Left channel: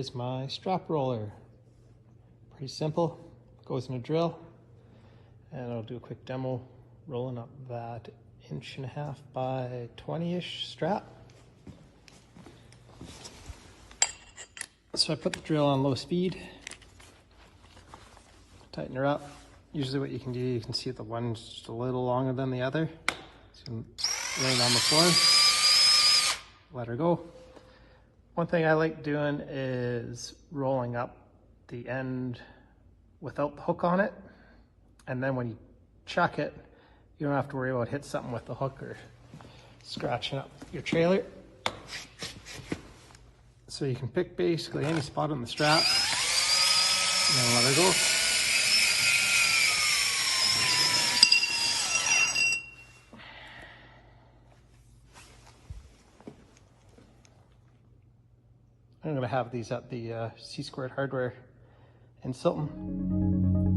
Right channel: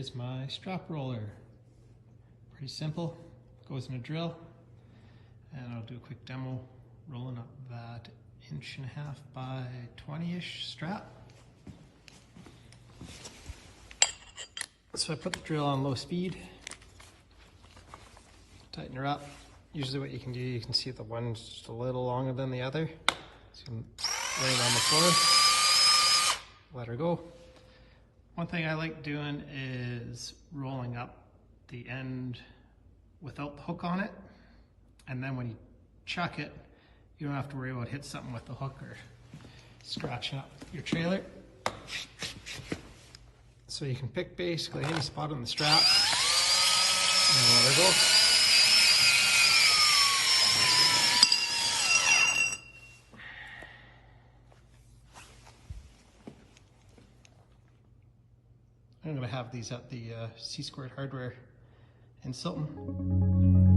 is my strap roller. Pretty simple, goes in a drill. And I'll do a quick demo rolling up that 1.5 by 20-ish strap. So I put the drill on low speed, tighten her up. Usually what you can do, you can see the one's just a little longer than the other. So you can lean on the floor, let her go. One thing I like doing is rolling up the end without the hook on it. And then when you chuck it, you don't have to worry about hitting something with the hook or scratching up your trailer. So you can pick basically any spot on the strap and let her go. I'm going to have these at the CSquared Hardware in Silton.